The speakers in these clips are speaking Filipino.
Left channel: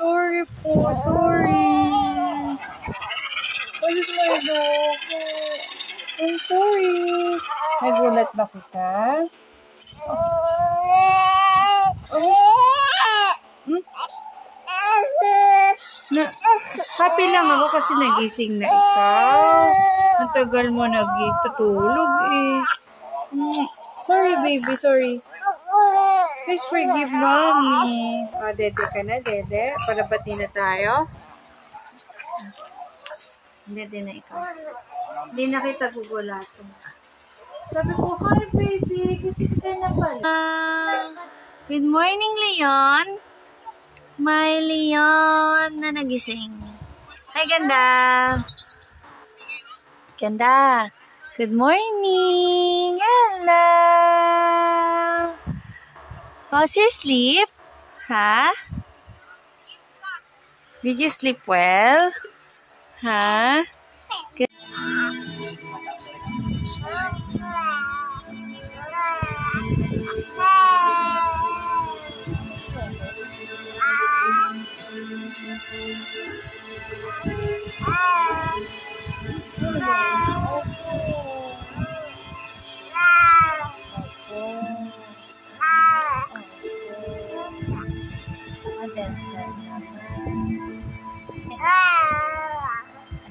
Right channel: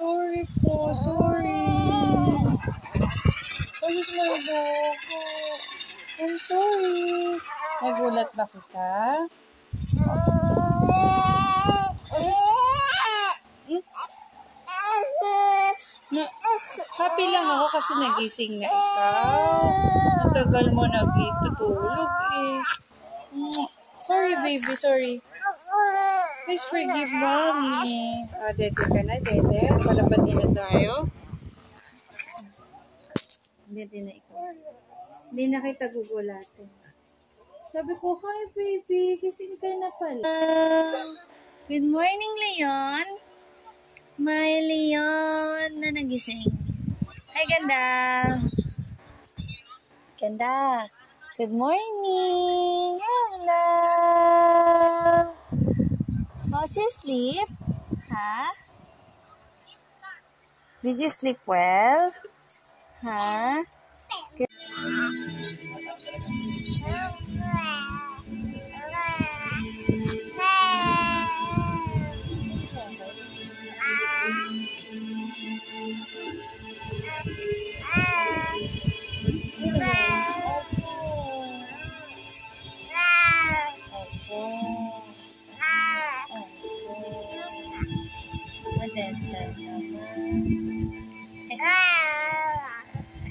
Sorry po, sorry. Alis mo yung loko. I'm sorry. Nagulat ba kita? Happy lang ako kasi nagising na ikaw. Matagal mo nagtutulog eh. Sorry baby, sorry. Please forgive mommy. Dede ka na, dede. Palapad din na tayo. Dede na ikaw. Hindi na kita gugulato. Sabi ko, hi baby. Gising ka na pala. Good morning, Leon. My Leon na nagising. Hi, ganda. Ganda. Good morning. Hello. How's your sleep? Huh? Did you sleep well? Huh? Good.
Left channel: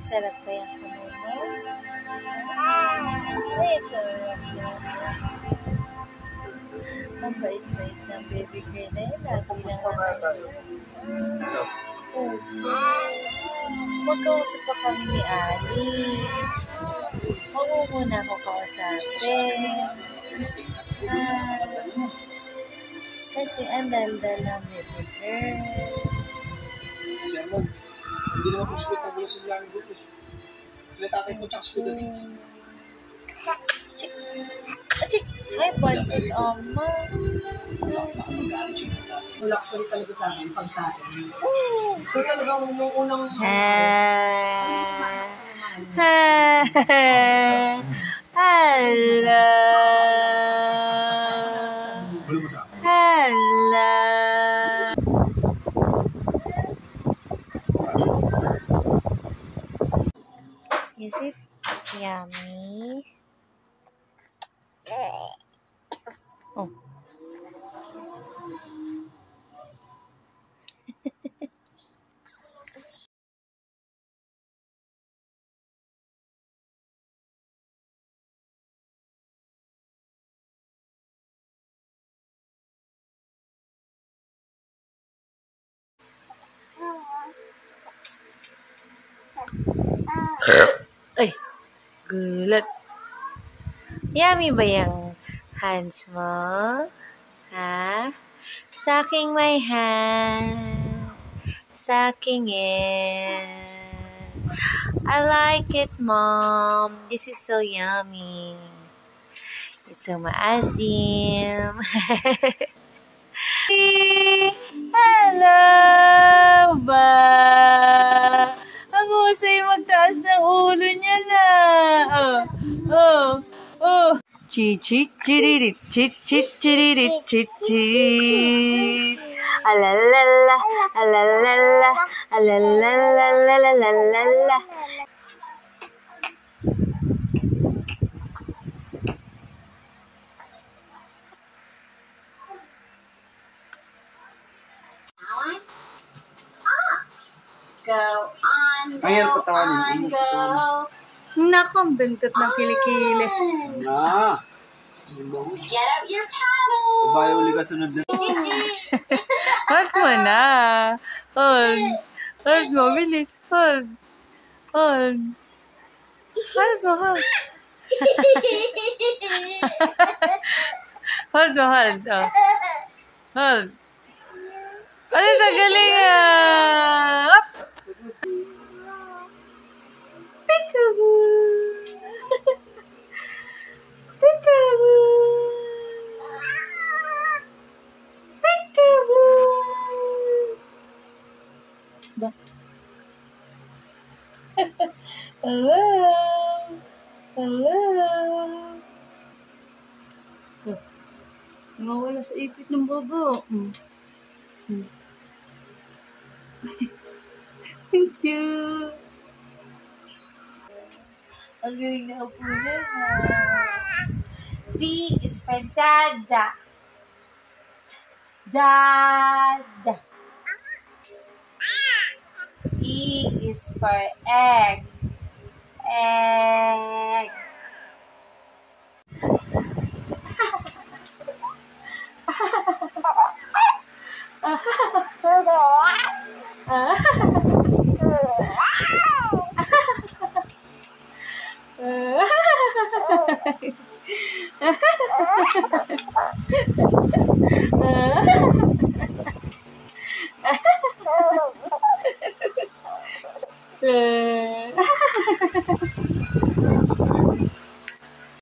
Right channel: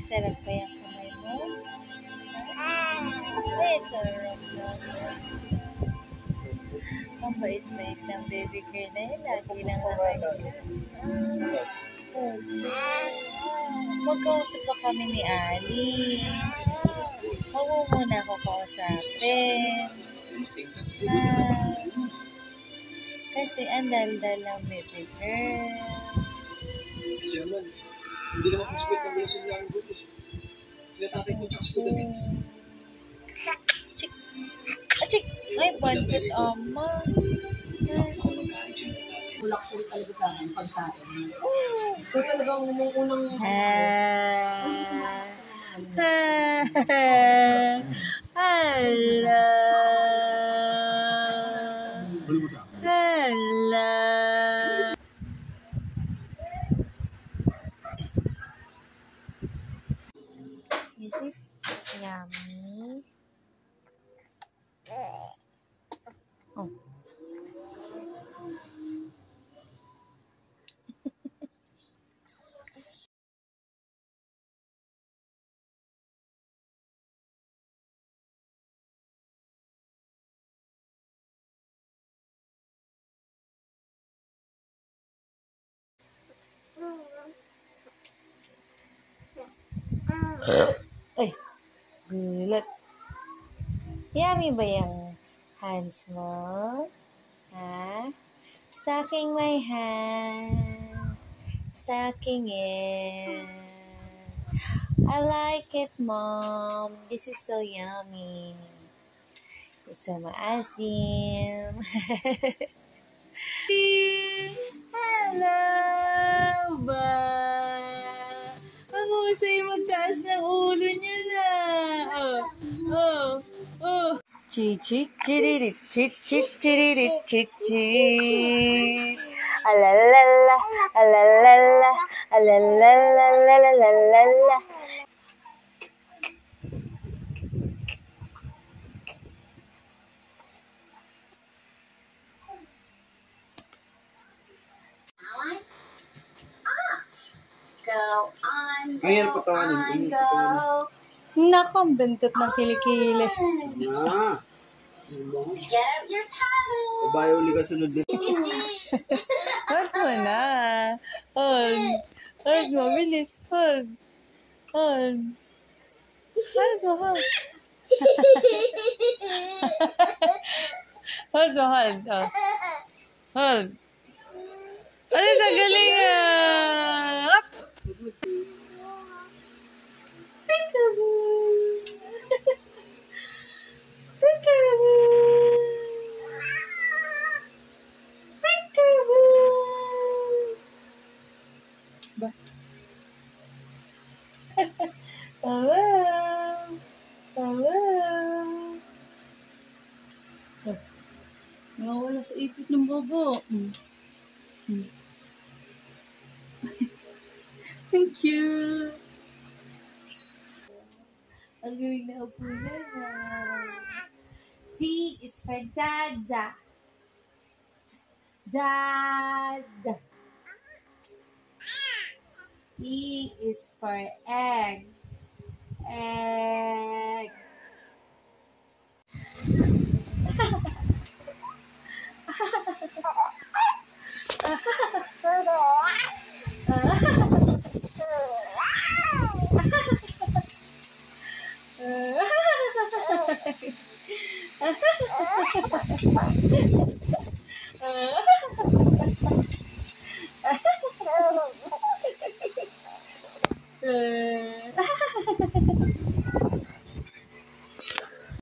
Sarap pa yan kamay mo? Sarap yan. Ang bait-bait ng baby girl na yun. Lagi lang naman. Magkausap pa kami ni Ali. Huwag mo muna ako kausapin. Kasi ang daldal ng baby girl. Sherman, hindi naman po sweet ang gulo sa lang dito. Sila tatay ko tsaka si Kuya David. Chik. Chik. Ay, budget, ama. Nakapagalit siya ng tatay. Luxury talaga sa akin, pagkain. So talagang unang... Hello. Hello. Is it yummy? Oh. Ay, gulat. Yummy ba yung hands mo? Ha? Sa aking may hands. Sa aking I like it, Mom. This is so yummy. It's so maasim. Hello ba? Ang husay magtaas ng ulo niya na. Oh. Chichiririt, chichiririt, chichit. Alalala, alalala, alalala. Go on, go. Nako, ang bentot ng kilikili. Get out your paddle. Bayo uli ka sunod dito. Hold mo na. Hold mo, bilis. Hold mo, hold. Hold. Hold. Ay, kagaling ah. Up. Peekaboo. Ba? Hello. Nawawala sa ipit ng baba. Thank you. Ang galing na upo na. D is for Dada. Dada. E is for egg. Egg.